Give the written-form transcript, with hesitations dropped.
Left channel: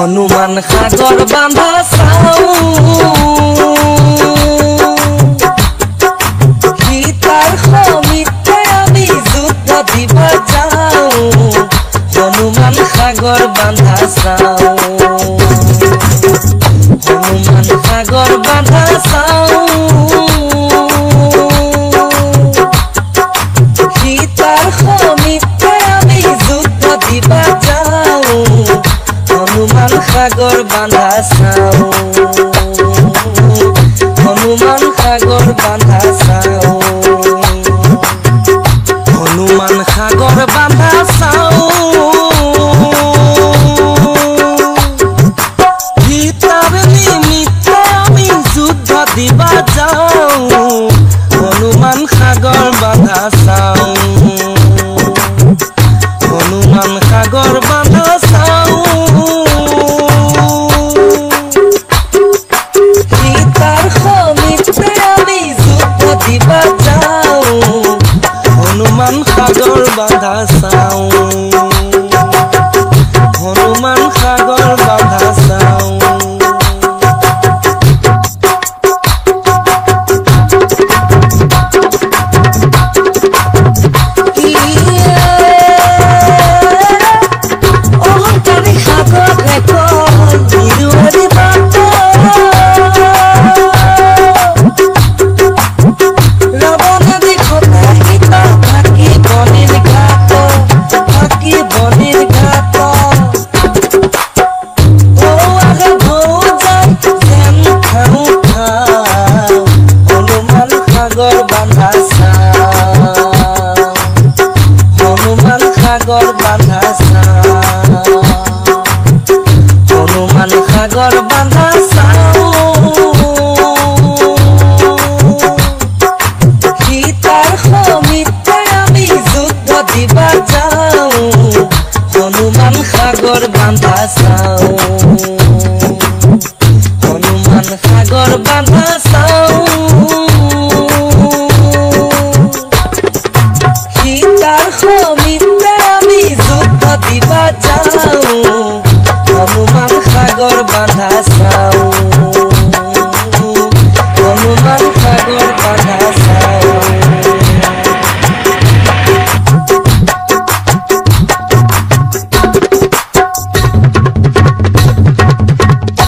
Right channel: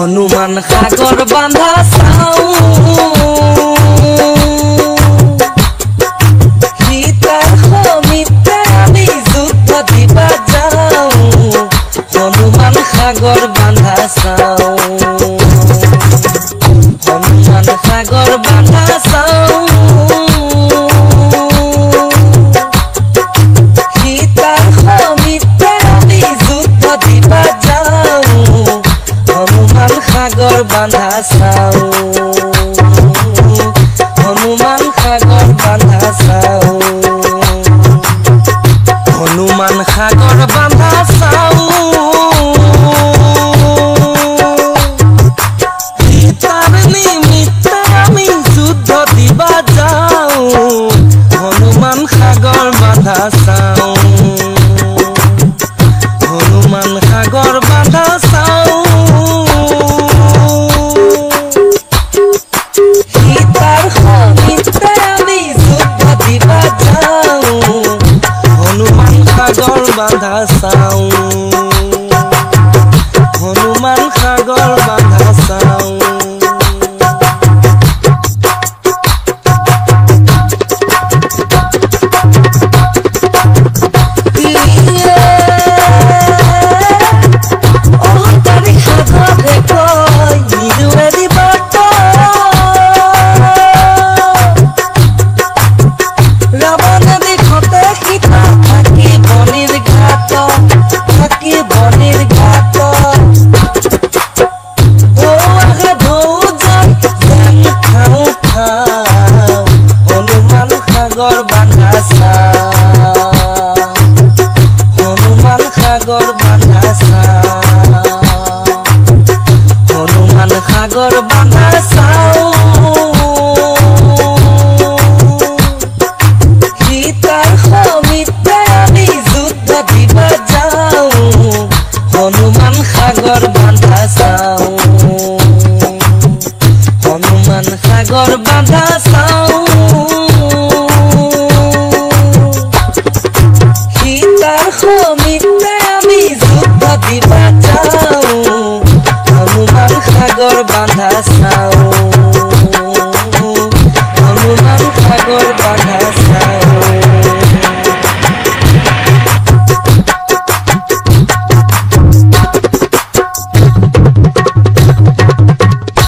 হনুমান সাগর বান্ধা চাও সীতার সমিতে আমি যুদ্ধ দিবা যাও হনুমান সাগর বান্ধা চাও হনুমান সাগর বান্ধা চাও সীতার সমিতে আমি যুদ্ধ দিবা যাও হনুমান সাগর বান্ধা চাও হনুমান সাগর বান্ধা চাও হনুমান সাগর বান্ধা চাও সীতার নিমিত্তে আমি যুদ্ধ দিবা যাও হনুমান সাগর বান্ধা চাও হনুমান সাগর বান্ধা চাও সীতার সমিতে আমি যুদ্ধ দিবা যাও হনুমান সাগর বান্ধা চাও হনুমান সাগর বান্ধা চাও হনুমান সাগর বান্ধা চাও হনুমান সাগর বান্ধা চাও সীতার সমিতে আমি যুদ্ধ দিবা যাও হনুমান সাগর বান্ধা চাও হনুমান সাগর বান্ধা চাও সীতার সমিতে আমি যুদ্ধ দিবা যাও হনুমান সাগর বান্ধা চাও।